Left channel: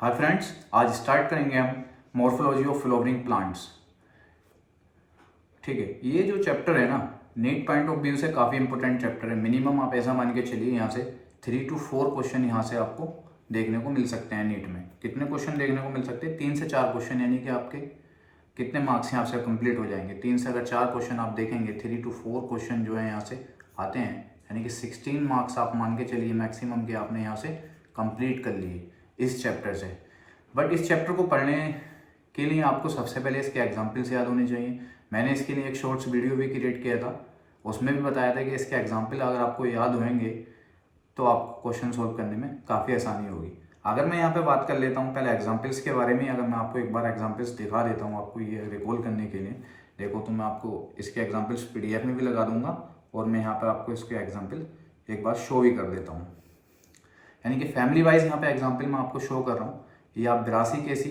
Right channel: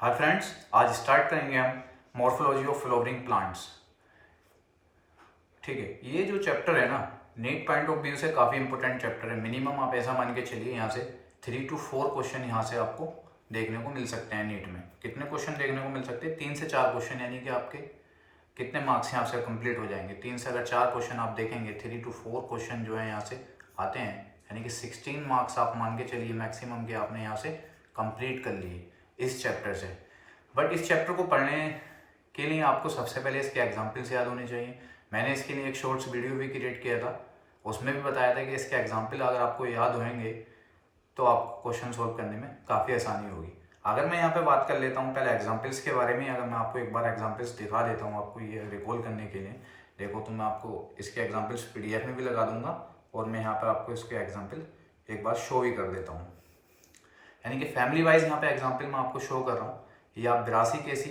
Hi friends, आज start करेंगे हम मॉर्फोलॉजी ऑफ फ्लावरिंग प्लांट्स। ठीक है, ये जो चैप्टर है ना, नीट पॉइंट ऑफ व्यू से काफी इंपॉर्टेंट चैप्टर है। मिनिमम आप ऐसा मान के चलिए यहाँ से 3 to 4 क्वेश्चन यहाँ से आपको देखने को मिल सकते हैं। नीट में कितने क्वेश्चन देखने को मिल सकते हैं? 3 से 4 क्वेश्चन, यानी कि आपके कितने मार्क्स यहाँ से कंप्लीट हो जाएंगे। 3 से अगर 4 क्वेश्चन आप देखेंगे, 3 to 4 क्वेश्चन जो है यहाँ से आते हैं, यानी कि 16 मार्क्स आप मान के चलिए मैक्सिमम के आपने यहाँ से कंप्लीट कर लिए इस चैप्टर से। बट इस चैप्टर को पढ़ने के लिए आपको सबसे पहले इसके एग्जाम्पल्स याद होने चाहिए। मैंने इसके लिए एक शॉर्ट्स वीडियो भी क्रिएट किया था, उसमें भी बताया था कि इसके एग्जाम्पल अगर आपको याद होंगे तो आप क्वेश्चन सोल्व करने में काफ़ी आसानी होगी। अगर मैं यहाँ पे बात कर लेता हूँ पहले एग्जाम्पल्स के बारे में, अगर मैं आपको एक बार एग्जाम्पल्स दिखा देता हूँ आपको ये रिकॉल करने के लिए। देखो, तो मैं आपको इसके एग्जाम्पल्स PDF में भी लगा दूंगा और मैं यहाँ पर आपको इसके एग्जाम्पल एक बार शो भी कर देता हूँ। यानी कि फैमिली वाइज यहाँ पे एग्जाम्पल मैं आपको शो कर रहा हूँ। ये आप ब्रासी केसी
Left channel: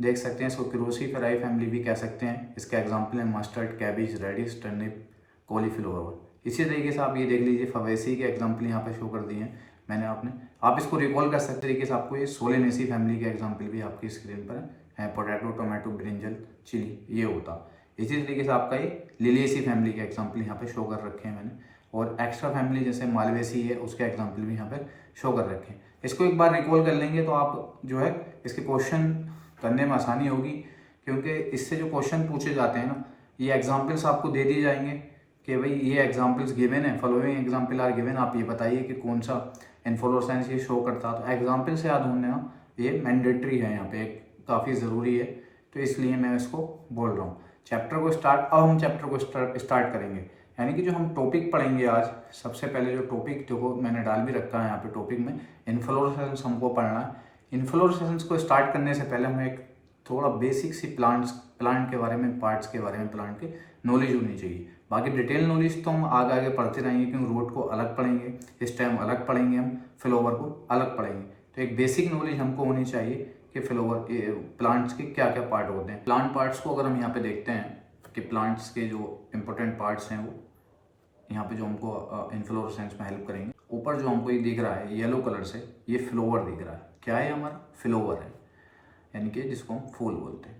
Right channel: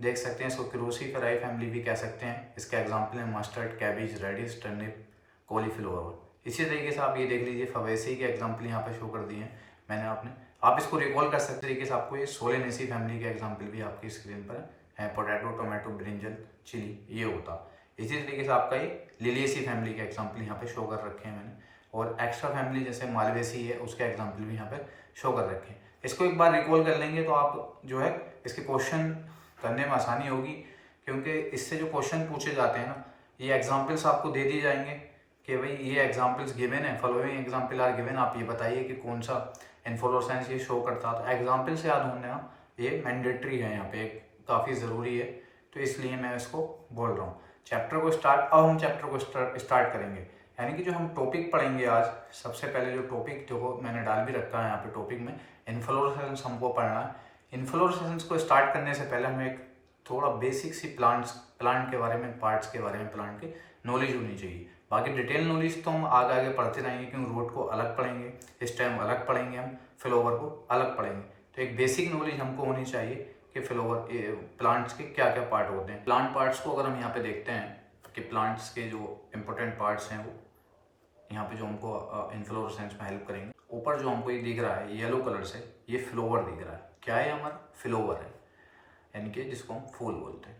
देख सकते हैं, इसको क्रोसीफेराई फैमिली भी कह सकते हैं। इसके एग्जाम्पल है mustard, cabbage, radish, turnip, cauliflower. इसी तरीके से आप ये देख लीजिए, फवेसी के एग्जाम्पल यहाँ पे शो कर दिए हैं मैंने आपने। आप इसको रिकॉल कर सकते तरीके से आपको ये सोलेनेसी फैमिली के एग्जाम्पल भी आपकी स्क्रीन पर है। पोटैटो, टोमेटो, ब्रिंजल, चिली, ये होता। इसी तरीके से आपका ये लिलिएसी फैमिली के एग्जाम्पल यहाँ पे शो कर रखे हैं मैंने। और एक्स्ट्रा फैमिली जैसे मालवेसी है, उसके एग्जाम्पल भी यहाँ पे शो कर रखे हैं। इसको एक बार रिकॉल कर लेंगे तो आप जो है इसके क्वेश्चन करने में आसानी होगी, क्योंकि इससे जो क्वेश्चन पूछे जाते हैं ना, ये एग्जाम्पल्स आपको दे दिए जाएंगे कि भाई ये एग्जाम्पल्स गिवन है, फॉलोइंग एग्जाम्पल आर गिवन, आप ये बताइए कि कौन सा इन्फ्लोरेसेंस ये शो करता। तो एग्जाम्पल से याद होना ये मैंडेटरी है, यहाँ पे काफ़ी ज़रूरी है, तो इसलिए मैं इसको बोल रहा हूँ। चैप्टर को स्टार्ट, अब हम चैप्टर को स्टार्ट करेंगे। यानी कि जो हम टॉपिक पढ़ेंगे आज, सबसे पहले जो टॉपिक देखो मैंने डाल भी रखा है यहाँ पे टॉपिक में, इन्फ्लोरेसेंस हमको पढ़ना है। इन्फ्लोरेसेंस को स्टार्ट करने से पहले हमें एक थोड़ा बेसिक सी प्लांट के बारे में, पार्ट्स के बारे में प्लांट की नॉलेज होनी चाहिए। बाकी डिटेल नॉलेज तो हम आगे आगे पढ़ते रहेंगे, क्योंकि रूट को अलग पढ़ेंगे, इस टाइम अलग पढ़ेंगे, हम फ्लावर को अलग पढ़ेंगे। तो एक बेसिक नॉलेज हमको होनी चाहिए कि फ्लावर प्लांट्स के क्या क्या पार्ट होते हैं। प्लांट पार्ट्स को अगर हम यहाँ पे देखते हैं कि प्लांट्स के जो इंपॉर्टेंट पार्ट्स हैं वो यहाँ पे जो हमको इन्फ्लोरेसेंस में हेल्प करेंगे। ऊपर जो हमको ये दिख रहा है येलो कलर से, ये फ्लावर दिख रहा है। क्या है? हमारा फ्लावर है, यानी कि जिसको हम फूल बोलते हैं।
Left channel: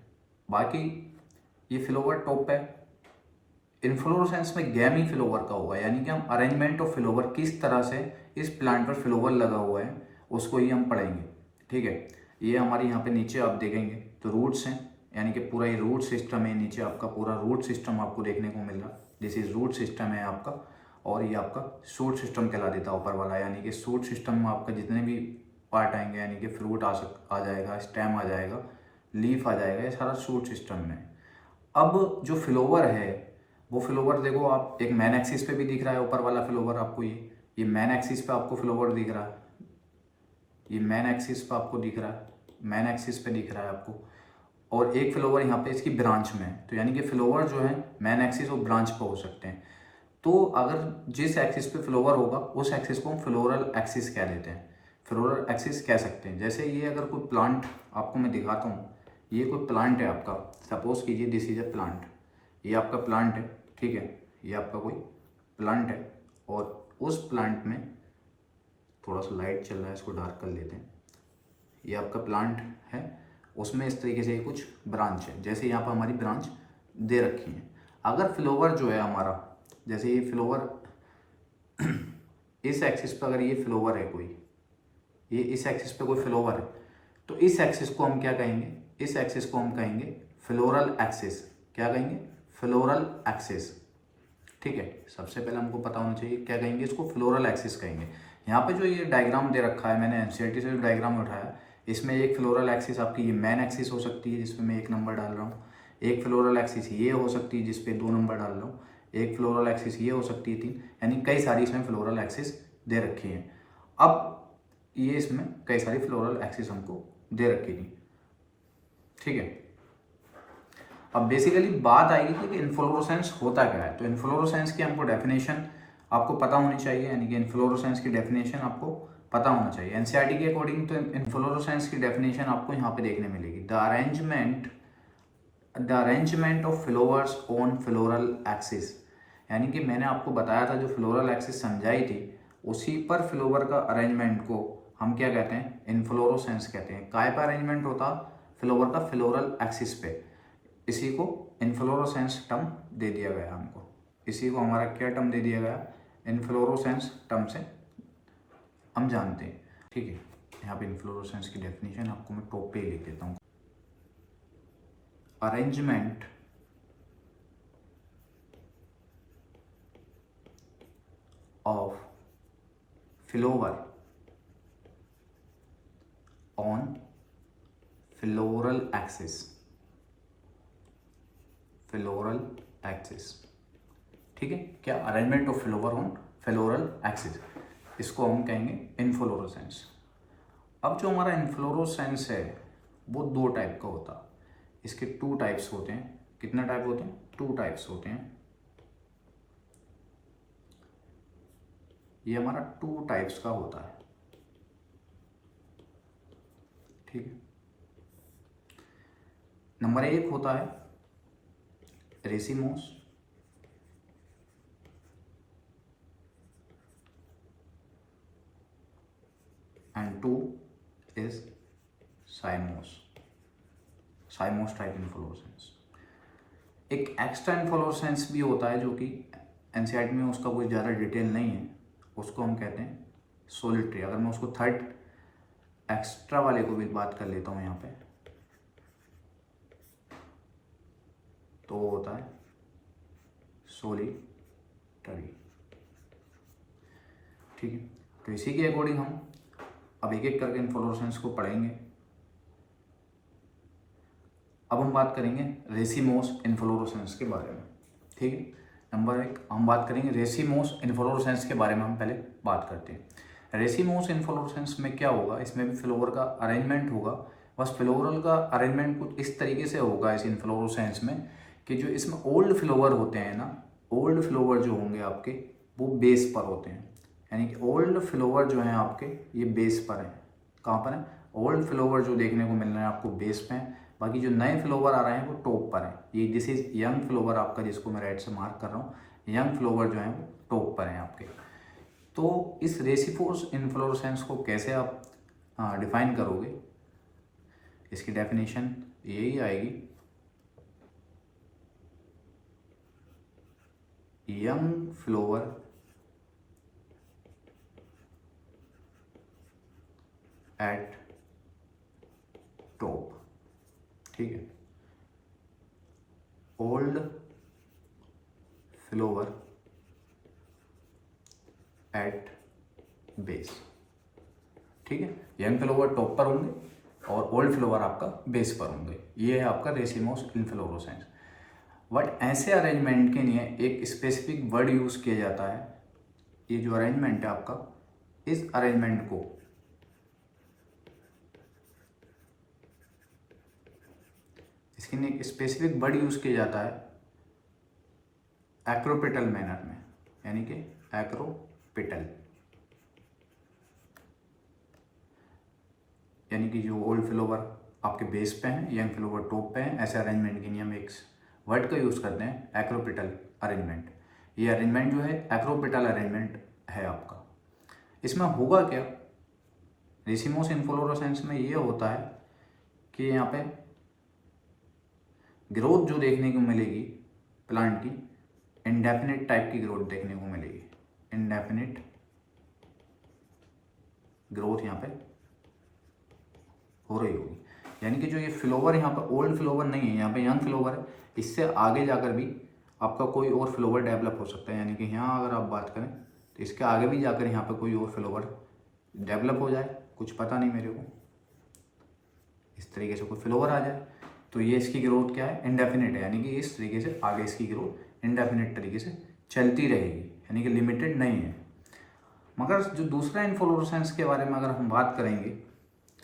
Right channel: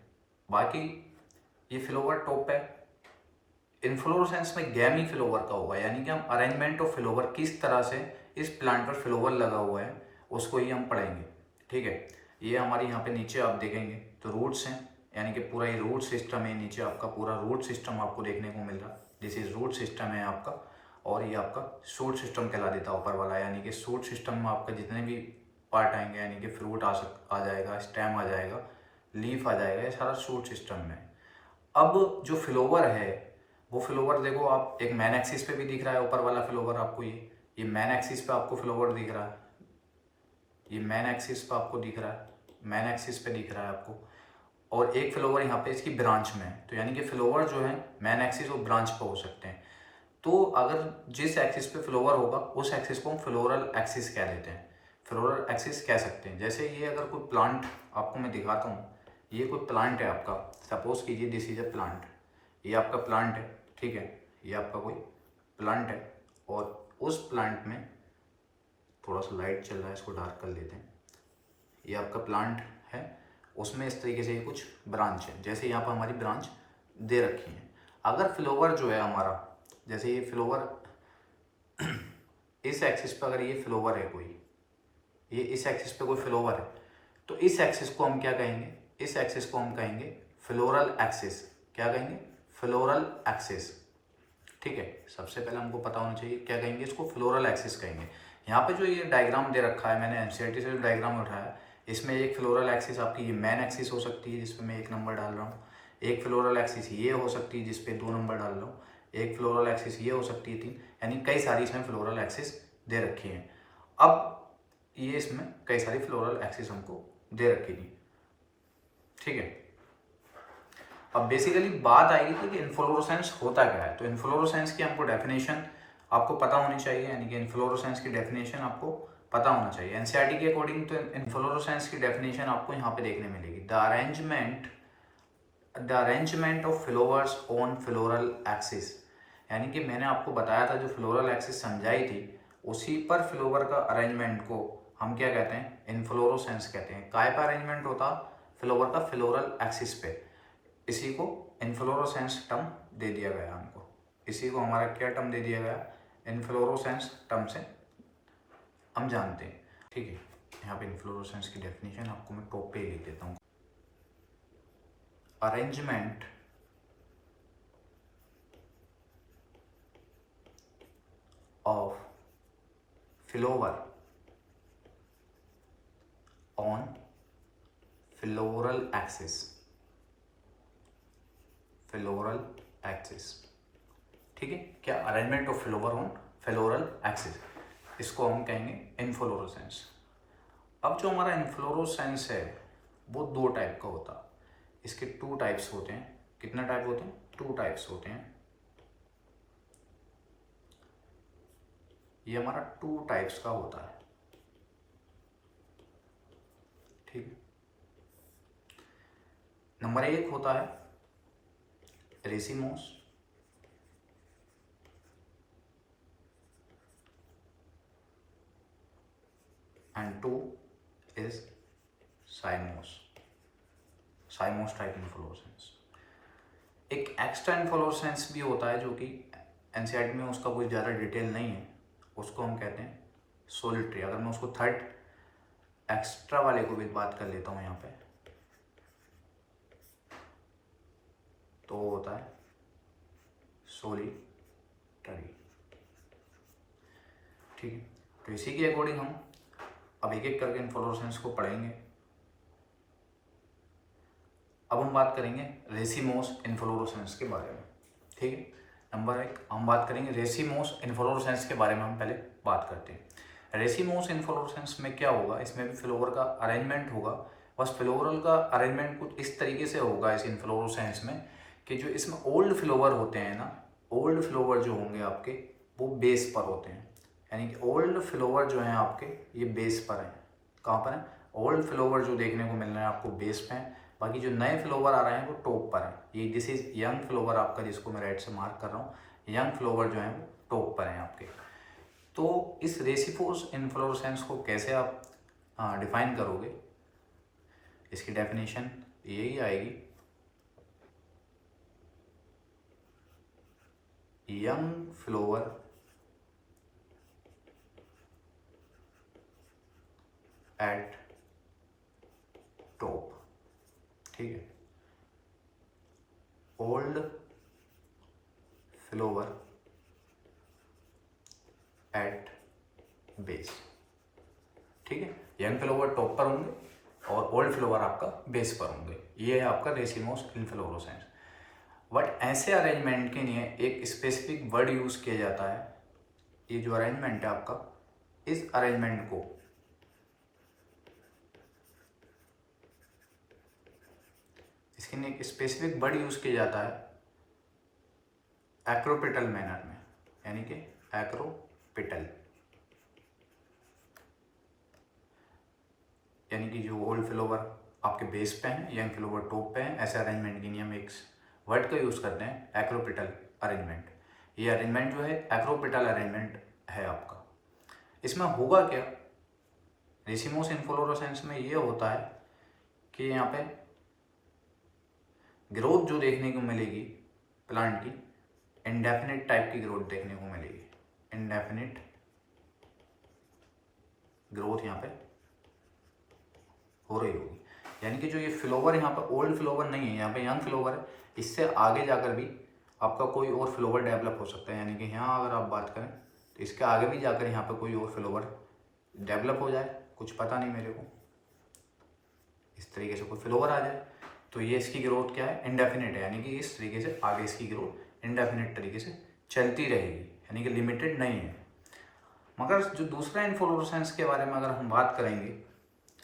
बाकी ये फ्लावर टॉप पे, इन्फ्लोरेसेंस में गैमी फ्लावर का होगा, यानी कि हम अरेंजमेंट ऑफ फ्लावर किस तरह से इस प्लांट पर फ्लावर लगा हुआ है उसको ही हम पढ़ेंगे। ठीक है, ये हमारे यहाँ पे नीचे आप देखेंगे तो रूट्स हैं, यानी कि पूरा ये रूट सिस्टम है। नीचे आपका पूरा रूट सिस्टम आपको देखने को मिल रहा, दिस इज रूट सिस्टम है आपका। और ये आपका शूट सिस्टम कहला देता है ऊपर वाला, यानी कि शूट सिस्टम में आपका जितने भी पार्ट आएंगे, यानी कि फ्रूट आ जाएगा, स्टेम आ जाएगा, लीफ आ जाएगा, ये सारा शूट सिस्टम में। अब जो फ्लावर है वो फ्लावर देखो आप, एक मैन एक्सिस पे भी दिख रहा है ऊपर वाला फ्लावर आपको, ये मैन एक्सिस पे आपको फ्लावर दिख रहा है, ये मैन एक्सिस पे आपको दिख रहा है, मैन एक्सिस पे दिख रहा है आपको। और एक फ्लावर यहाँ पे इसकी ब्रांच में है, तो यानी कि फ्लावर जो है मैन एक्सिस और ब्रांच पे हो सकते हैं। तो अगर जिस एक्सिस पे फ्लावर होगा उस एक्सिस को हम फ्लोरल एक्सिस कह देते हैं, फ्लोरल एक्सिस कह सकते हैं। जैसे ये अगर कोई प्लांट आपको मैं दिखाता हूँ, ये कोई प्लांट है आपका, सपोज कीजिए दिस इज अ प्लांट, ये आपका प्लांट है। ठीक है, ये आपका कोई प्लांट है और उस प्लांट में थोड़ा सा लाइट चल रहा है, इसको डार्क कर लेते हैं। ये आपका प्लांट है, उसमें इस तरीके से कुछ ब्रांच है, जैसे यहाँ पर हमारी ब्रांच दे रखी है। अगर फ्लावर जो है हमारा, जैसे ये फ्लावर इस एक्सिस पे, अगर ये फ्लावर है कोई, ये इस एक्सिस पे कोई फ्लावर है, तो इस एक्सिस को हम क्या कहेंगे? इस एक्सिस को हम कहेंगे फ्लोरल एक्सिस। क्या कहेंगे? Floral axis. ठीक है, सबसे पहले हमको पता होना चाहिए क्या कहेंगे इसको, फ्लोरल एक्सिस कहेंगे। यहाँ पे जो ये डायग्राम दे रखा है, मैंने एनसीईआरटी से जो डायग्राम उठाया, इसमें एक फ्लोरल एक्सिस आपकी ये मैन एक्सिस हो सकती है, जिसपे मैं 1 नंबर डाल रहा हूँ। एक फ्लोरल एक्सिस ये हो सकती है, जिसपे 2 नंबर डाल रहा हूँ। एक फ्लोरल एक्सिस ये हो सकती है 3, यानी कई सारी इसमें फ्लोरल एक्सिस दे रखी है। अब ये इसमें कई सारी फ्लोरल एक्सिस हमको दे रखी थी। ठीक है, अब बेसिकली बात आएगी कि इन्फ्लोरेसेंस होता क्या है। तो इन्फ्लोरेसेंस की हमको डेफिनेशन आपको पता होनी चाहिए, यानी कि इन्फ्लोरेसेंस की डेफिनेशन आपको पता होना चाहिए। एनसीईआरटी के अकॉर्डिंग तो इन्फ्लोरेसेंस की डेफिनेशन आपको यहाँ पे देखने मिलेगी, the arrangement of flowers on floral axis. यानी कि मैंने आपको बताया था, जो फ्लोरल एक्सिस समझाई थी, उसी पर फ्लावर का अरेंजमेंट को हम क्या कहते हैं, इन्फ्लोरोसेंस कहते हैं। काय का अरेंजमेंट होता, फ्लावर का फ्लोरल एक्सिस पे, इसी को इन्फ्लोरोसेंस टर्म दे दिया गया हमको। इसी को हमारा क्या टर्म दे दिया गया, इन्फ्लोरोसेंस टर्म से हम जानते हैं। ठीक है, यहाँ पे इन्फ्लोरोसेंस की डेफिनेशन आपको मैं टॉप पे लिख देता हूँ। Arrangement of flower on floral axis, floral axis। ठीक है, क्या, arrangement of flower on floral axis, इसको हम कहेंगे इन्फ्लोरोसेंस। अब जो हमारा इन्फ्लोरोसेंस है वो दो टाइप का होता है। इसके टू टाइप्स होते हैं। कितने टाइप होते हैं, टू टाइप्स होते हैं। ये हमारा टू टाइप्स का होता है। ठीक है, नंबर एक होता है racemose, and two is साइमोस, साइमोस type inflorescence. एक एक्स्ट्रा इन्फ्लोरोसेंस भी होता है जो कि एनसीईआरटी में उसका कोई ज़्यादा डिटेल नहीं है, उसको हम कहते हैं सोलिटरी। अगर मैं उसको थर्ड एक्स्ट्रा वाले को भी बात कर लेता हूँ यहाँ पे, तो वो होता है सोलिटरी। ठीक है, तो इसी के अकॉर्डिंग हम अब एक एक करके इन्फ्लोरोसेंस को पढ़ेंगे। अब हम बात करेंगे रेसिमोस इन्फ्लोरोसेंस के बारे में। ठीक है, नंबर एक हम बात करेंगे रेसिमोस इन्फ्लोरोसेंस के बारे में। हम पहले बात करते हैं रेसिमोस इन्फ्लोरोसेंस में क्या होगा। इसमें भी फ्लावर का अरेंजमेंट होगा, बस फ्लोरल का अरेंजमेंट कुछ इस तरीके से होगा इस इन्फ्लोरोसेंस में कि जो इसमें ओल्ड फ्लावर होते हैं ना, ओल्ड फ्लावर जो होंगे आपके वो बेस पर होते हैं। यानी कि ओल्ड फ्लावर जो है आपके ये बेस पर है। कहाँ पर है, ओल्ड फ्लावर जो देखने को मिल रहे हैं आपको बेस पे हैं, बाकी जो नए फ्लावर आ रहे हैं वो टॉप पर है। ये दिस इज यंग फ्लावर आपका, जिसको मैं राइट से मार्क कर रहा हूँ, यंग फ्लावर जो है वो टॉप पर है आपके। तो इस रेसिमोस इन्फ्लोरोसेंस को कैसे आप डिफाइन करोगे, इसकी डेफिनेशन यही आएगी, यंग फ्लावर एट टॉप। ठीक है, ओल्ड फ्लावर एट बेस। ठीक है, यंग फ्लावर टॉप पर होंगे और ओल्ड फ्लावर आपका बेस पर होंगे। ये है आपका रेसिमोस इन्फ्लोरोसेंस। बट ऐसे अरेंजमेंट के लिए एक स्पेसिफिक वर्ड यूज किया जाता है। ये जो अरेंजमेंट है आपका, इस अरेंजमेंट को इसके लिए एक स्पेसिफिक वर्ड यूज किया जाता है एक्रोपिटल मैनर में, यानी कि एक्रोपिटल, यानी कि जो ओल्ड फ्लावर आपके बेस पे हैं, यंग फ्लावर टॉप पे हैं, ऐसे अरेंजमेंट के लिए हम एक वर्ड का यूज करते हैं एक्रोपिटल अरेंजमेंट। ये अरेंजमेंट जो है एक्रोपिटल अरेंजमेंट है आपका। इसमें होगा क्या, रेसिमोस इन्फ्लोरोसेंस में ये होता है कि यहाँ पे ग्रोथ जो देखने को मिलेगी प्लांट की, इंडेफिनिट टाइप की ग्रोथ देखने को मिलेगी। इंडेफिनिट ग्रोथ यहाँ पे हो रही होगी, यानी कि जो ये फ्लावर यहाँ पे ओल्ड फ्लावर नहीं है, यहाँ पे यंग फ्लावर है, इससे आगे जाकर भी आपका कोई और फ्लावर डेवलप हो सकता है। यानी कि यहाँ अगर आप बात करें तो इसके आगे भी जाकर यहाँ पे कोई और फ्लावर डेवलप हो जाए, कुछ पता नहीं मेरे को, इस तरीके से कोई फ्लावर आ जाए, तो ये इसकी ग्रोथ क्या है, इंडेफिनिट है। यानी कि इस तरीके से आगे इसकी ग्रोथ इंडेफिनिट तरीके से चलती रहेगी, यानी कि लिमिटेड नहीं है। मगर जो दूसरा इन्फ्लोरोसेंस के बारे में अगर हम बात करेंगे,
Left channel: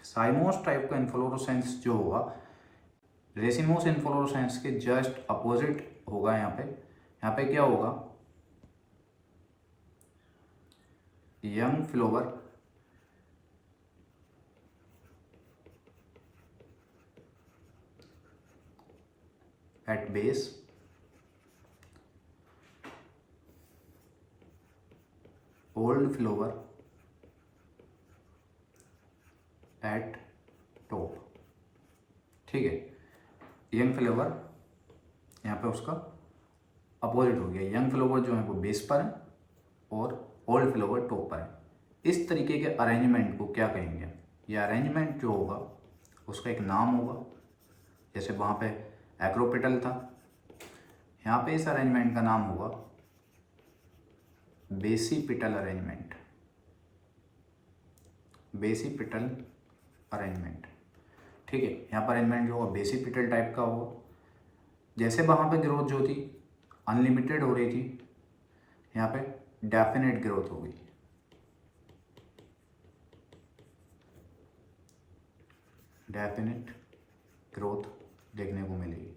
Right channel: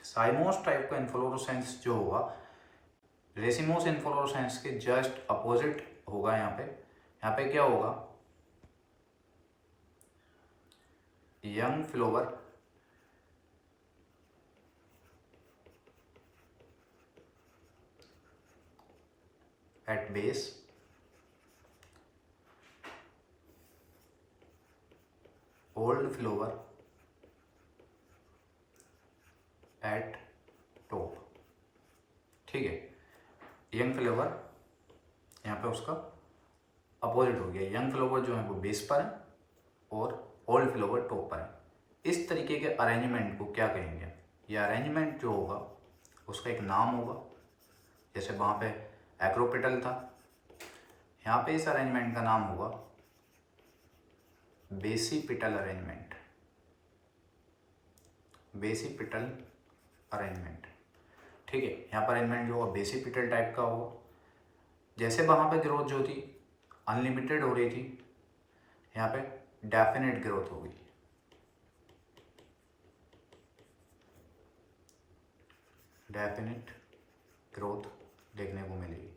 साइमोस टाइप का इन्फ्लोरोसेंस जो होगा, रेसिमोस इन्फ्लोरोसेंस के जस्ट अपोजिट होगा। यहाँ पे क्या होगा, young flower at base, old flower ठीक है, यंग फ्लेवर यहाँ पे उसका अपोजिट हो गया। यंग फ्लेवर जो है वो बेस पर है और ओल्ड फ्लेवर टॉप पर है। इस तरीके के अरेंजमेंट को क्या कहेंगे? ये अरेंजमेंट जो होगा उसका एक नाम होगा। जैसे वहाँ पे एक्रोपेटल था, यहाँ पे इस अरेंजमेंट का नाम होगा बेसिपिटल अरेंजमेंट। बेसिपिटल अरेंजमेंट, ठीक है। यहाँ पर अरेंजमेंट जो होगा बेसिपिटल टाइप का होगा। जैसे वहाँ पे ग्रोथ जो थी अनलिमिटेड हो रही थी, यहाँ पे डेफिनेट ग्रोथ होगी। डेफिनेट ग्रोथ देखने को मिलेगी,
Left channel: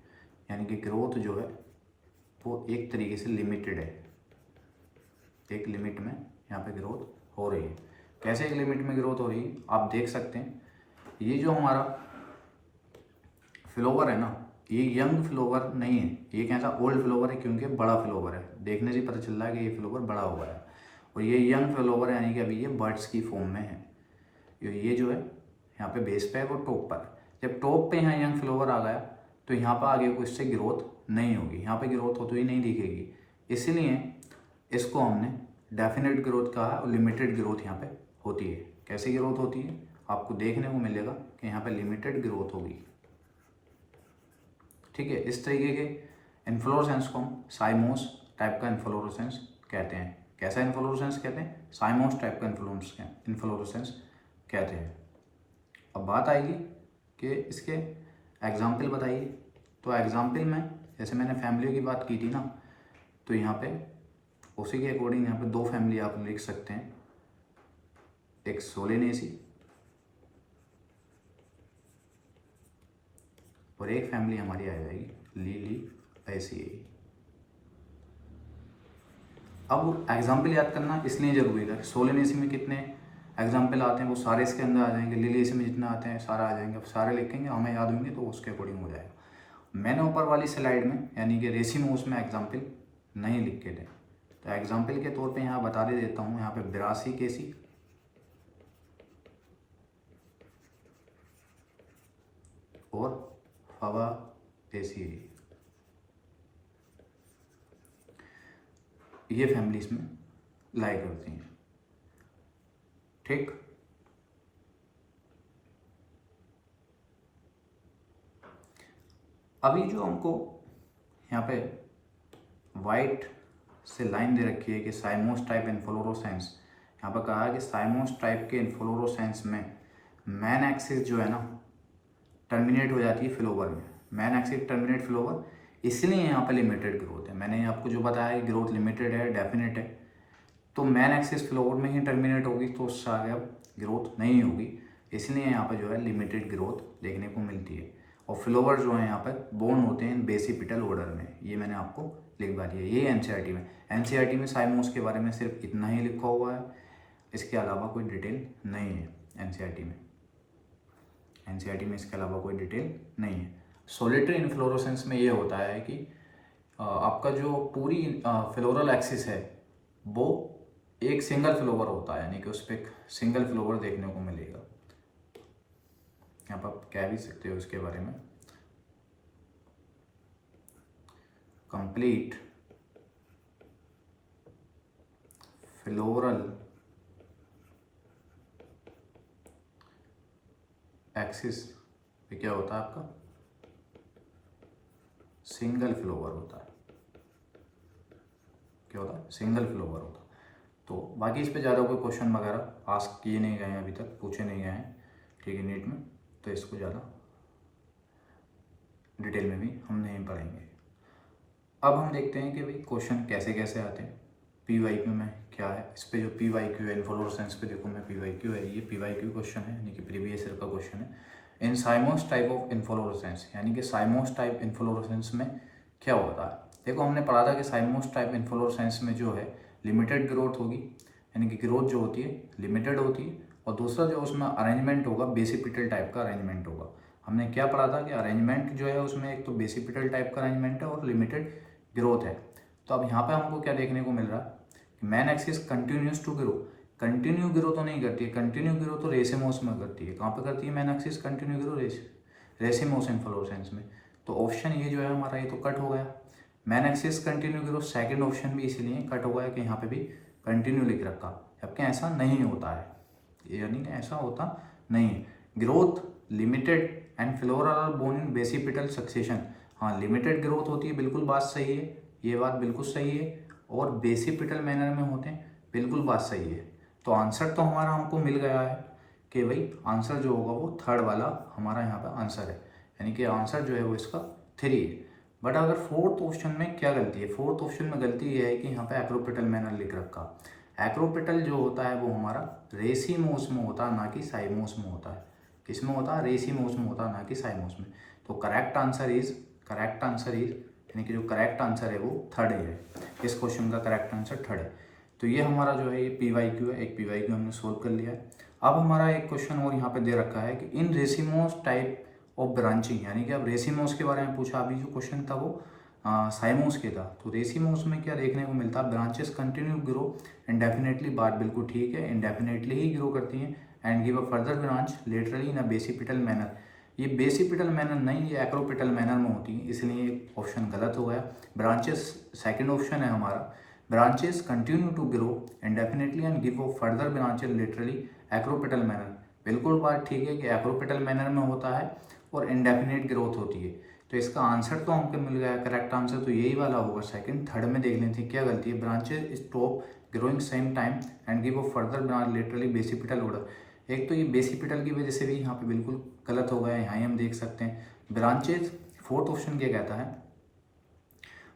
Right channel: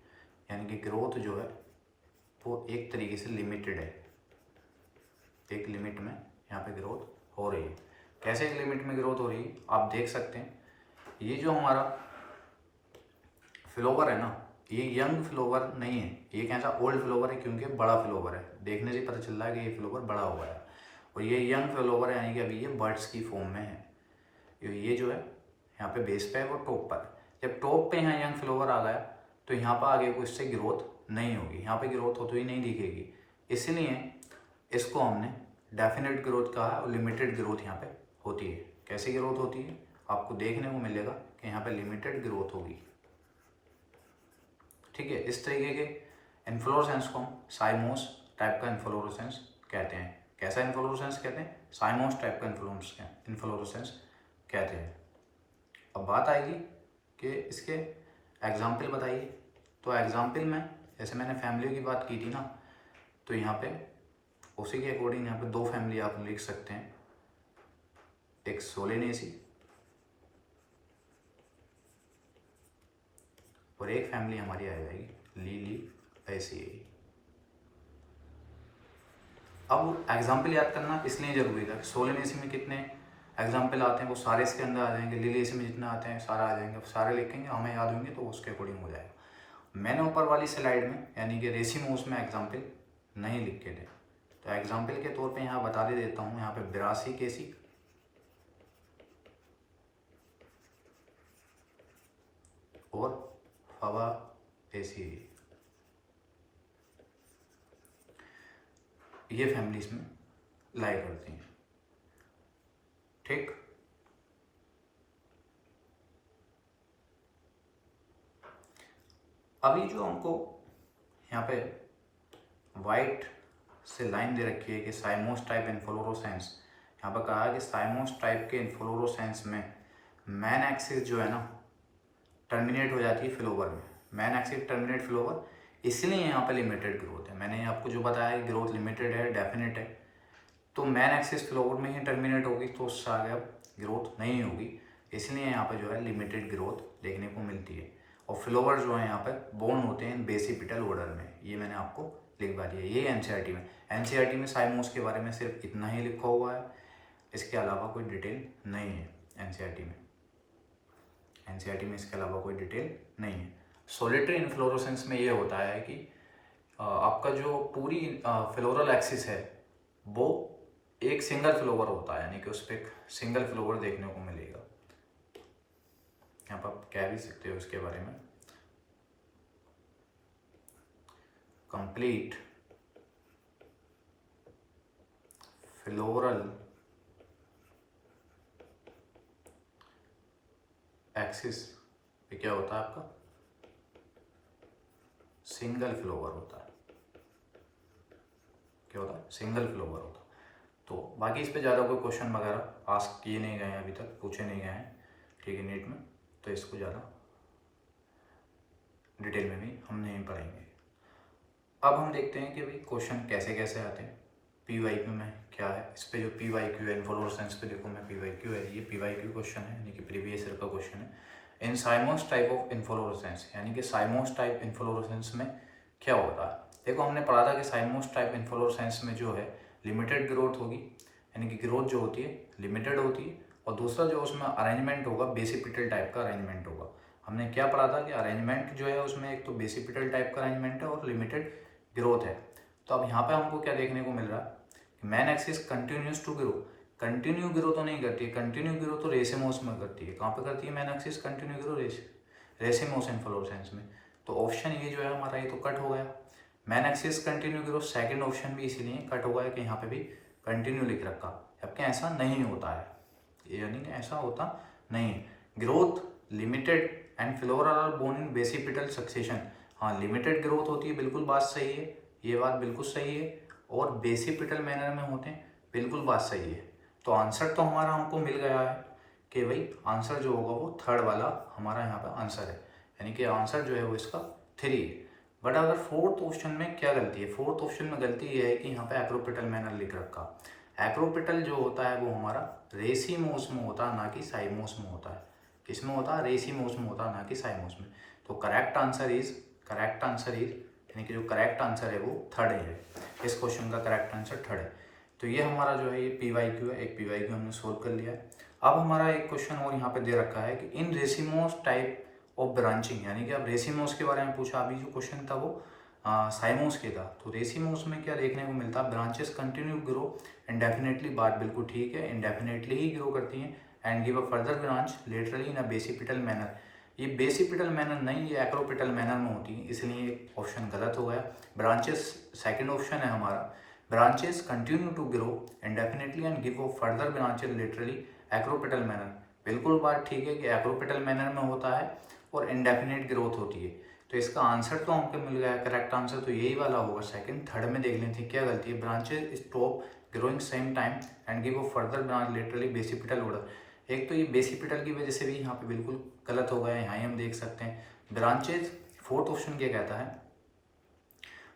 यानी कि ग्रोथ जो है वो एक तरीके से लिमिटेड है, एक लिमिट में यहाँ पे ग्रोथ हो रही है। कैसे एक लिमिट में ग्रोथ हो रही है आप देख सकते हैं। ये जो हमारा फ्लोवर है ना, ये यंग फ्लोवर नहीं है, ये कैसा ओल्ड फ्लोवर है, क्योंकि बड़ा फ्लोवर है। देखने से पता चल रहा है कि ये फ्लोवर बड़ा हुआ है। और ये यंग फ्लोवर है, यानी कि अभी ये बर्ड्स की फॉर्म में है। ये जो है यहाँ पे बेस पे है और टॉप पर। जब टॉप पे यहाँ यंग फ्लोवर आ गया तो यहाँ पर आगे को इससे ग्रोथ नहीं होगी, यहाँ पे ग्रोथ होती हुई नहीं दिखेगी। इसीलिए इसको हमने डेफिनेट ग्रोथ कहा और लिमिटेड ग्रोथ यहाँ पे होती है। कैसी ग्रोथ होती है आपको देखने को मिलेगा कि यहाँ पे लिमिटेड ग्रोथ होगी, ठीक है। इस तरीके के इन्फ्लोरेसेंस को हम साइमोस टाइप का इन्फ्लोरेसेंस कहते हैं। कैसा इन्फ्लोरेसेंस कहते हैं? साइमोस टाइप का इन्फ्लोरेसेंस कहते हैं। अब बात आएगी कि इसके एग्जाम्पल बताइए। तो एग्जाम्पल में जैसे मैंने फैमिली की बात की थी ना, तो यहाँ पे उसी के अकॉर्डिंग यहाँ पे दो फैमिली आप लिख सकते हैं। एक सोलेनेसी और एक फैमिली हमारी आ जाएगी लिलिएसिएई। अब एग्जाम्पल याद करना इसलिए जरूरी था। सोलेनेसी में कितने एग्जाम्पल आते हैं वो सारे इसके अंदर आ जाएंगे, लिलिएसी में जितने आते हैं सारा आ जाएंगे। अब सारे लिखेंगे, हमें याद होंगे तो उसके अकॉर्डिंग हो जाएगा। मैंने ऊपर वाली स्लाइड में यानी कि रेसिमोस में एग्जाम्पल नहीं लिख के थे, तो एग्जाम्पल के तौर पे यहाँ बता दे देता हूँ। यहाँ पे ब्रासिकेसी और फवासेसी, ये फैमिलीज में लाइक करती हैं, ठीक। अभी जो हमको यहाँ पे वाइट से लाइन दे रखी है कि साइमोस टाइप इन्फ्लोरोसेंस, यहाँ पर कहा है कि साइमोस टाइप के इन्फ्लोरोसेंस में मैन एक्सिस जो है ना टर्मिनेट हो जाती है फ्लोवर में। मैन एक्सिस टर्मिनेट फ्लोवर, इसलिए यहाँ पे लिमिटेड ग्रोथ है। मैंने आपको जो बताया ग्रोथ लिमिटेड है, डेफिनेट है, तो मैन एक्सिस फ्लोवर में ही टर्मिनेट होगी तो उससे आगे ग्रोथ नहीं होगी। इसलिए यहाँ पर जो है लिमिटेड ग्रोथ देखने को मिलती है। और फ्लोवर जो है यहाँ पर बोर्न होते हैं बेसिपिटल ऑर्डर में, ये मैंने आपको लिखवा दिया। ये एनसीईआरटी में, एनसीईआरटी में साइमोस के बारे में सिर्फ इतना ही लिखा हुआ है, इसके अलावा कोई डिटेल नहीं है एनसीईआरटी में। एनसीईआरटी में इसके अलावा कोई डिटेल नहीं है। सोलिटरी इन्फ्लोरेसेंस में ये होता है कि आपका जो पूरी फ्लोरल एक्सिस है वो एक सिंगल फ्लोवर होता है, यानी कि उस पर एक सिंगल फ्लोवर देखने को मिलेगा। यहाँ पर आप कह भी सकते हो उसके बारे में, कंप्लीट फ्लोरल एक्सिस पे क्या होता है आपका सिंगल फ्लोवर होता है। क्या होता है? सिंगल फ्लोवर होता है। तो बाकी इस पे ज़्यादा कोई क्वेश्चन वगैरह आस्क किए नहीं गए हैं, अभी तक पूछे नहीं गए हैं, ठीक है, नीट में, तो इसको ज़्यादा डिटेल में भी हम नहीं पढ़ेंगे। अब हम देखते हैं कि भाई क्वेश्चन कैसे कैसे आते हैं। पीवाईक्यू में क्या है, इस पे जो पीवाईक्यू है इन्फ्लोरेसेंस पे देखो मैं पीवाईक्यू है, ये पीवाईक्यू क्वेश्चन है, यानी कि प्रीवियस ईयर का क्वेश्चन है। इन साइमोस टाइप ऑफ इन्फ्लोरेसेंस, यानी कि साइमोस टाइप इन्फ्लोरेसेंस में क्या होता है। देखो हमने पढ़ा था कि साइमोस टाइप इन्फ्लोरेसेंस में जो है लिमिटेड ग्रोथ होगी, यानी कि ग्रोथ जो होती है लिमिटेड होती है। और दूसरा जो उसमें अरेंजमेंट होगा बेसिपिटल टाइप का अरेंजमेंट होगा। हमने क्या पढ़ा था कि अरेंजमेंट जो है उसमें एक तो बेसिपिटल टाइप का अरेंजमेंट है और लिमिटेड ग्रोथ है। तो अब यहाँ पे हमको क्या देखने को मिल रहा है कि main axis continues to grow. Continue grow तो नहीं करती है, कंटिन्यू ग्रो तो रेसिमोस में करती है। कहाँ पे करती है man axis continue grow? Racemose inflorescence में। तो ऑप्शन ये जो है हमारा ये तो कट हो गया। Man axis continue growth second option भी इसीलिए कट हो गया कि यहाँ पे भी कंटिन्यू लिख रखा, जबकि ऐसा नहीं होता है, यानी कि ऐसा होता नहीं है। Growth limited and flora are borne in basipetal succession, हाँ लिमिटेड ग्रोथ होती है, बिल्कुल बात सही है, ये बात बिल्कुल सही है, और बेसिपिटल मैनर में होते हैं, बिल्कुल बात सही है। तो आंसर तो हमारा हमको मिल गया है कि भाई आंसर जो होगा वो थर्ड वाला हमारा यहाँ पे आंसर है, यानी कि आंसर जो है वो इसका 3 है। बट अगर फोर्थ ऑप्शन में क्या गलती है, फोर्थ ऑप्शन में गलती ये है कि यहाँ पे एक्रोपेटल मैनर लिख रखा। एक्रोपेटल जो होता है वो हमारा रेसिमोस में होता है, ना कि साइमोस में होता है। किसमें होता है? रेसिमोस में होता है, ना कि साइमोस में। तो करेक्ट आंसर इज यानी कि जो करेक्ट आंसर है वो थर्ड है। इस क्वेश्चन का करेक्ट आंसर थर्ड है। तो ये हमारा जो है ये PYQ है, एक PYQ हमने सोल्व कर लिया है। अब हमारा एक क्वेश्चन और यहाँ पे दे रखा है कि इन रेसिमोस टाइप ऑफ ब्रांचिंग, यानी कि अब रेसिमोस के बारे में पूछा, अभी जो क्वेश्चन था वो साइमोस के था। तो रेसिमोस में क्या देखने को मिलता है? ब्रांचेस कंटिन्यू ग्रो इंडेफिनेटली, बात बिल्कुल ठीक है, इंडेफिनेटली ही ग्रो करती हैं, and give a further branch laterally in a basipetal manner. ये बेसिपिटल मैनर नहीं, ये एक्रोपिटल मैनर में होती है, इसलिए क्वेश्चन गलत हो गया। ब्रांचेस सेकंड ऑप्शन है हमारा, branches continue to grow indefinitely and give a further branches laterally acropetal manner, बिल्कुल बात ठीक है कि एक्रोपिटल मैनर में होता है और इंडेफिनेट ग्रोथ होती है। तो इसका आंसर तो हमको मिल गया, करेक्ट आंसर तो यही वाला होगा सेकंड। थर्ड में देख लेते हैं क्या गलती है। Branches stop growing same time and give a further branch laterally basipetal order. एक तो ये बेसिपिटल की वजह से भी यहाँ पे बिल्कुल गलत हो गया है, यहाँ ही हम देख सकते हैं। ब्रांचेस, फोर्थ ऑप्शन क्या कहता है?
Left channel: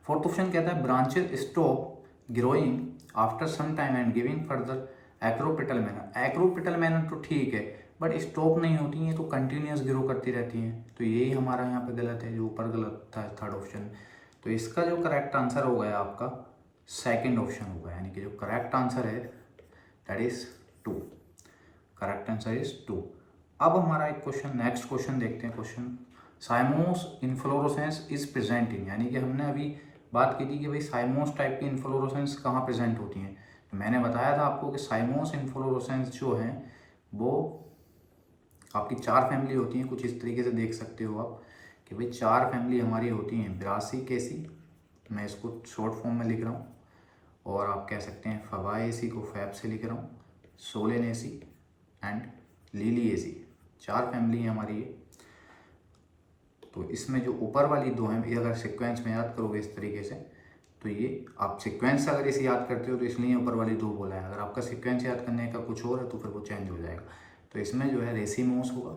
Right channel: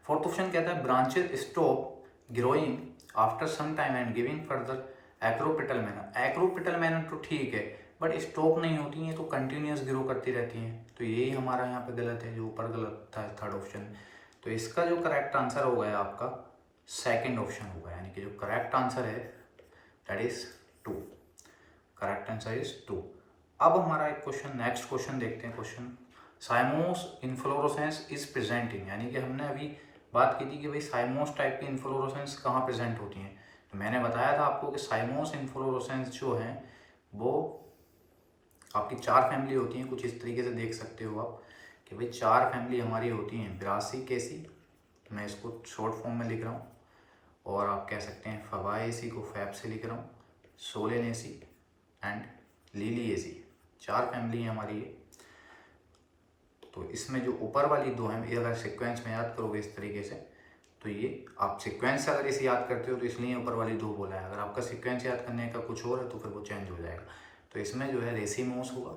फोर्थ ऑप्शन कहता है branches stop growing after some time and giving further acropetal manner. Acropetal manner तो ठीक है, बट स्टॉप नहीं होती हैं, तो कंटिन्यूस ग्रो करती रहती हैं। तो यही हमारा यहाँ पे गलत है, जो ऊपर गलत था थर्ड ऑप्शन। तो इसका जो करेक्ट आंसर हो गया आपका सेकंड ऑप्शन होगा, यानी कि जो करेक्ट आंसर है that is 2। Correct answer is 2। अब हमारा एक क्वेश्चन, नेक्स्ट क्वेश्चन देखते हैं। क्वेश्चन, साइमोस इन्फ्लोरेसेंस इज प्रेजेंटिंग, यानी कि हमने अभी बात की थी कि भाई साइमोस टाइप की इन्फ्लोरेसेंस कहाँ प्रेजेंट होती हैं। तो मैंने बताया था आपको कि साइमोस इन्फ्लोरेसेंस जो हैं वो आपकी 4 फैमिली होती हैं। कुछ इस तरीके से देख सकते हो आप कि भाई 4 फैमिली हमारी होती हैं। ब्रासिकेसी, मैं इसको शॉर्ट फॉर्म में लिख रहा हूँ, और आप कह सकते हैं फबाएसी को फैब से लिख रहा हूँ, सोलेनेसी एंड लिलिएसी, 4 फैमिली है हमारी ये। तो इसमें जो ऊपर वाली 2 हैं, ये अगर सीक्वेंस में याद करोगे इस तरीके से, तो ये आप सीक्वेंस से अगर इसे याद करते हो तो इसलिए ऊपर वाली 2 बोला है। अगर आपका सीक्वेंस याद करने का कुछ और है तो फिर वो चेंज हो जाएगा। तो इसमें जो है रेसिमोस होगा,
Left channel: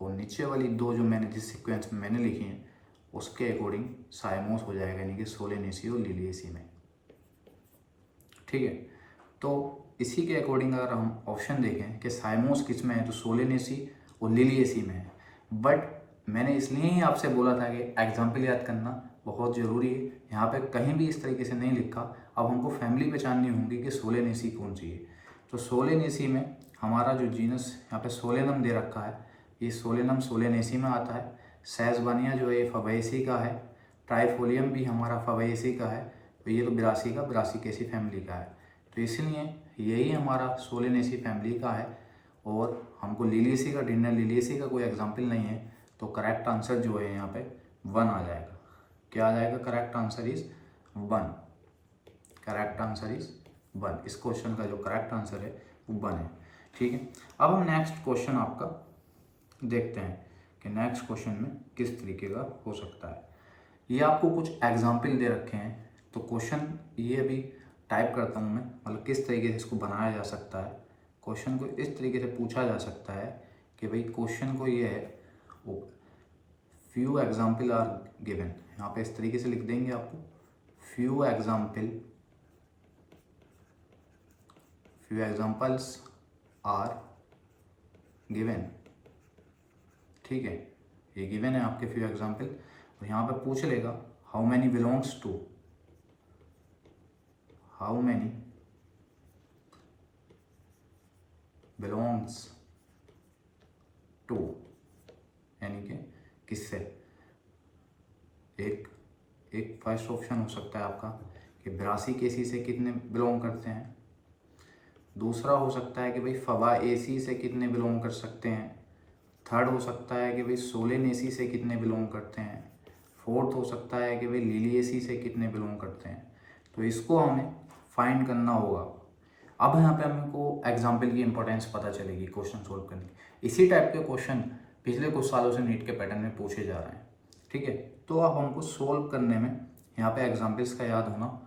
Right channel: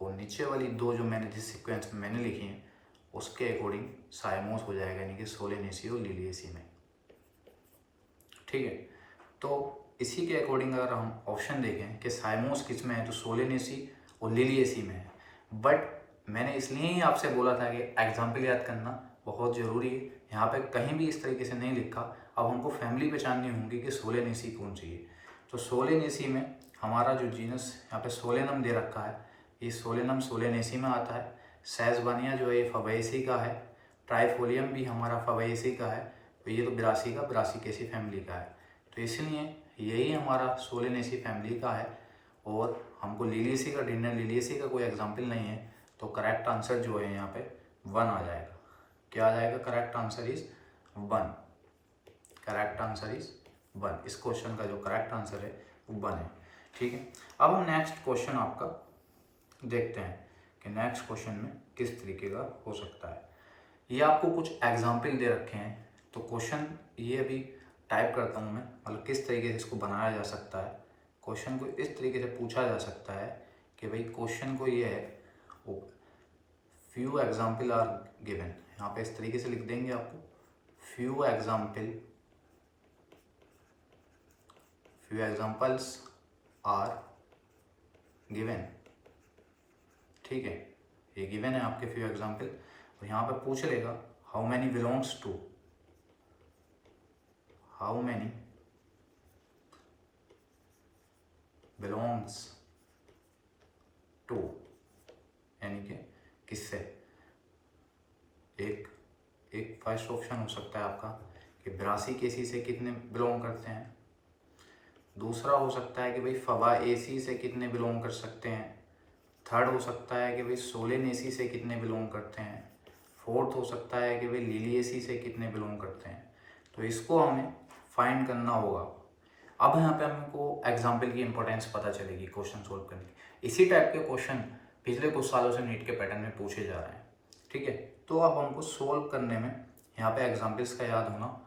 और नीचे वाली 2 जो मैंने जिस सीक्वेंस में मैंने लिखी है उसके अकॉर्डिंग साइमोस हो जाएगा, यानी कि सोलेनेसी और लिलिएसी में। ठीक है, तो इसी के अकॉर्डिंग अगर हम ऑप्शन देखें कि साइमोस किस में है, तो सोलेनेसी और लिलिएसी में है। बट मैंने इसलिए ही आपसे बोला था कि एग्जाम्पल याद करना बहुत ज़रूरी है। यहाँ पे कहीं भी इस तरीके से नहीं लिखा। अब हमको फैमिली पहचाननी होगी कि सोलेनेसी कौन सी है। तो सोलेनेसी में हमारा जो जीनस यहाँ पे सोलेनम दे रखा है, ये सोलेनम सोलेनेसी में आता है। सेजबानिया जो है ये फबाएसी का है। ट्राइफोलियम भी हमारा फबाएसी का है। तो ये तो ब्रासिकेसी फैमिली का है। तो इसलिए यही हमारा सोलेनेसी फैमिली का है, और हमको लिलिएसी का ढूंढना, लिलिएसी का कोई एग्जाम्पल नहीं है। तो करेक्ट आंसर जो है यहाँ पे 1 आ जाएगा। क्या आ जाएगा? Correct answer is 1। Correct answer is 1। इस क्वेश्चन का जो करेक्ट आंसर है वो 1 है। ठीक है, अब हम नेक्स्ट क्वेश्चन आपका देखते हैं कि नेक्स्ट क्वेश्चन में किस तरीके का हो सकता है। ये आपको कुछ एग्जाम्पल दे रखे हैं। तो क्वेश्चन ये अभी टाइप करता हूँ मैं, मतलब किस तरीके से इसको बनाया जा सकता है। क्वेश्चन को इस तरीके से पूछा जा सकता है कि भाई क्वेश्चन को ये है, फ्यू एग्जाम्पल आर गिवन। यहाँ पे इस तरीके से लिख देंगे आपको, फ्यू एग्जाम्पल्स आर गिवन। ठीक है, ये गिवन है आपके फ्यू एग्जाम्पल। तो यहाँ पे पूछ लेगा how many belongs to, how many belongs to, यानी कि किससे। एक फर्स्ट ऑप्शन हो सकता है आपका कि ब्रासिकेसी से कितने बिलोंग करते हैं। दूसरा हो सकता है कि भाई फबाएसी से कितने बिलोंग कर सकते हैं। थर्ड हो सकता है कि भाई सोलेनेसी से कितने बिलोंग करते हैं, फोर्थ हो सकता है कि भाई लिलिएसी से कितने बिलोंग करते हैं। तो इसको हमें फाइंड करना होगा। अब यहाँ पे हमको एग्जाम्पल की इंपॉर्टेंस पता चलेगी क्वेश्चन सोल्व करने की। इसी टाइप के क्वेश्चन पिछले कुछ सालों से नीट के पैटर्न में पूछे जा रहे हैं, ठीक है। तो अब हमको सोल्व करने में यहाँ पे एग्जाम्पल्स का याद होना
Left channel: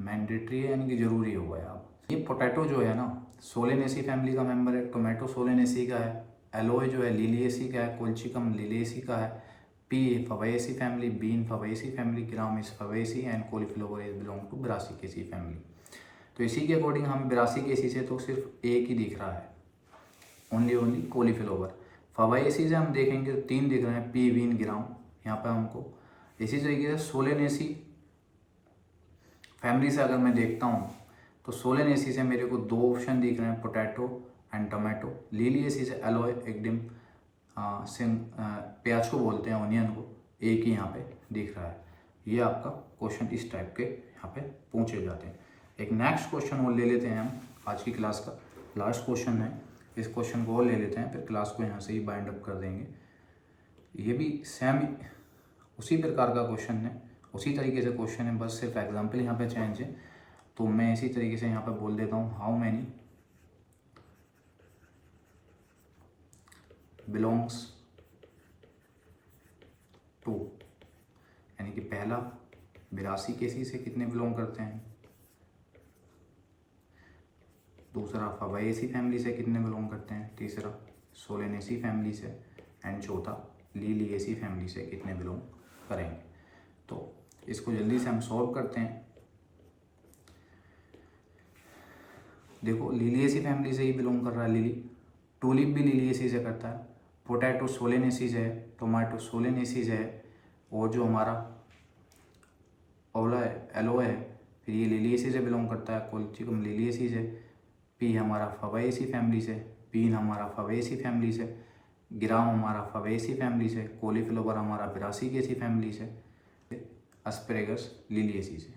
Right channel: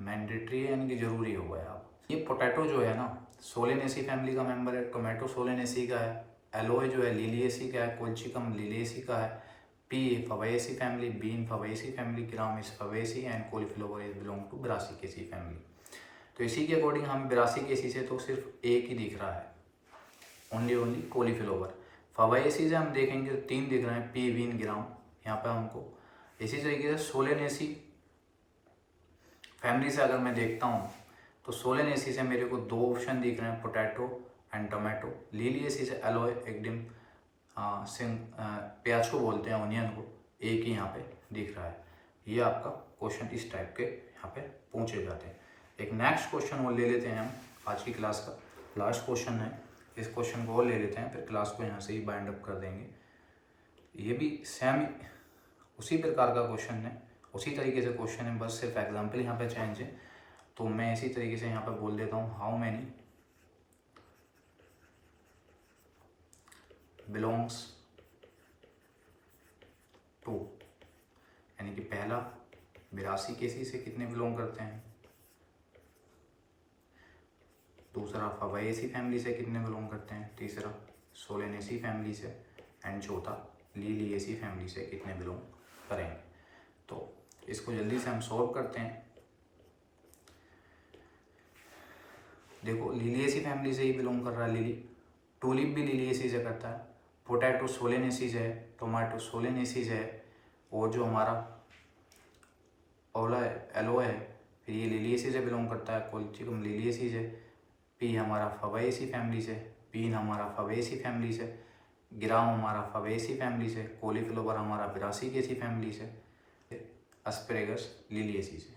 मैंडेटरी है, यानी कि जरूरी होगा यहाँ। ये पोटैटो जो है ना सोलेनेसी फैमिली का मेंबर है, टोमेटो सोलेनेसी का है, एलोए जो है लिलिएसी का है, कोल्चिकम लिलिएसी का है, pea fabaceae family, bean fabaceae family, gram is fabaceae and cauliflower is belong to brassicaceae family. तो इसी के अकॉर्डिंग हम ब्रासिकेसी से तो सिर्फ एक ही दिख रहा है, ओनली कॉलीफ्लावर। फवेसी से हम देखेंगे तो 3 दिख रहे हैं, पी बीन ग्राम यहाँ पे हमको। इसी तरीके से सोलेनेसी फैमिली से अगर मैं देखता हूँ तो सोलेनेसी से मेरे को 2 ऑप्शन दिख रहे हैं, पोटैटो एंड टोमेटो। लिलिएसी से एलोए एकडिम प्याजो बोलते हैं ऑनियन को, एक ही यहाँ पे दिख रहा है। ये आपका क्वेश्चन इस टाइप के यहाँ पे पूछे जाते हैं। एक नेक्स्ट क्वेश्चन वो ले लेते हैं हम, आज की क्लास का लास्ट क्वेश्चन है। इस क्वेश्चन को ले लेते हैं, फिर क्लास को यहाँ से ही बाइंड अप कर देंगे। ये भी सेम उसी प्रकार का क्वेश्चन है, उसी तरीके से क्वेश्चन है, बस सिर्फ एग्जाम्पल यहाँ पे चेंज है। तो मैं इसी तरीके से यहाँ पे बोल देता हूँ, हाउ मैनी बिलोंग्स टू, यानी कि पहला ब्रासिकेसी से कितने बिलोंग करते हैं, दूसरा फवेसी फैमिली से कितने बिलोंग करते हैं, तीसरा सोलेनेसी फैमिली से, एंड चौथा लिलिएसी फैमिली से कितने बिलोंग करेंगे। तो इसको जल्दी से हम सॉल्व करते हैं। देखो लिलिएसी फैमिली से ही बिलोंग कर रहा है लिली, टूलिप भी लिलिएसी से करता है, पोटैटो सोलेनेसी से है, टोमेटो सोलेनेसी से है, और जो हमारा ओला है एलोए है फिर ये लिलिएसी से बिलोंग करता है, कोल्चिकम लिलिएसी से, पी हमारा फवेसी फैमिली से, बीन हमारा फवेसी फैमिली से, ग्राम हमारा फवेसी फैमिली से, कॉलीफ्लावर हमारा ब्रासिकेसी फैमिली से, एस्परेगस लिलिएसी से।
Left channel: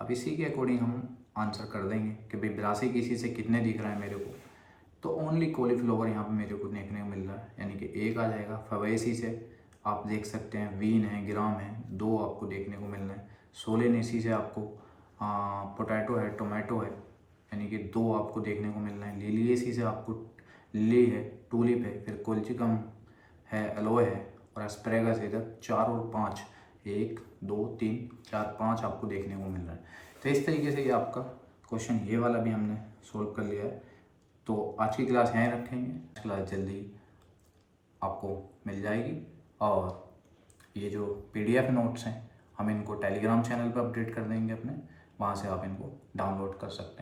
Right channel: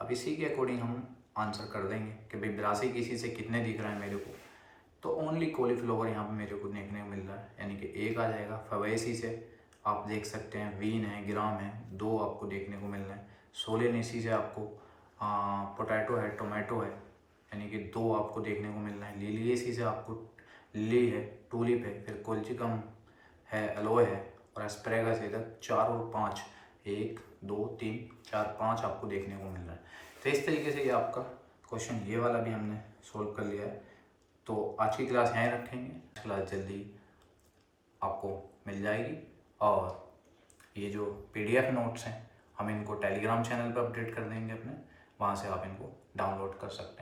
अब इसी के अकॉर्डिंग हम आंसर कर देंगे कि भाई ब्रासिकेसी से कितने दिख रहा है मेरे को। तो ओनली कॉलीफ्लावर यहाँ पे मेरे को देखने को मिल रहा है, यानी कि एक आ जाएगा। फवेसी से आप देख सकते हैं बीन है, ग्राम है, 2 आपको देखने को मिल रहा है। सोलेनेसी से आपको पोटैटो है, टोमेटो है, यानी कि 2 आपको देखने को मिल रहे हैं। लिलिएसी से आपको लिली है, टूलिप है, फिर कोल्चिकम है, एलोए है, और एस्परेगस है 4 और 5, 1 2 3 4 5 आपको देखने को मिल रहा है। तो इस तरीके से ये आपका क्वेश्चन ये वाला भी हमने सोल्व कर लिया। तो आज की क्लास यहाँ रखेंगे, क्लास जल्दी आपको मिल जाएगी। और ये जो PDF नोट्स हैं हम इनको टेलीग्राम चैनल पर अपडेट कर देंगे अपने, वहाँ से आप इनको डाउनलोड कर सकते हैं।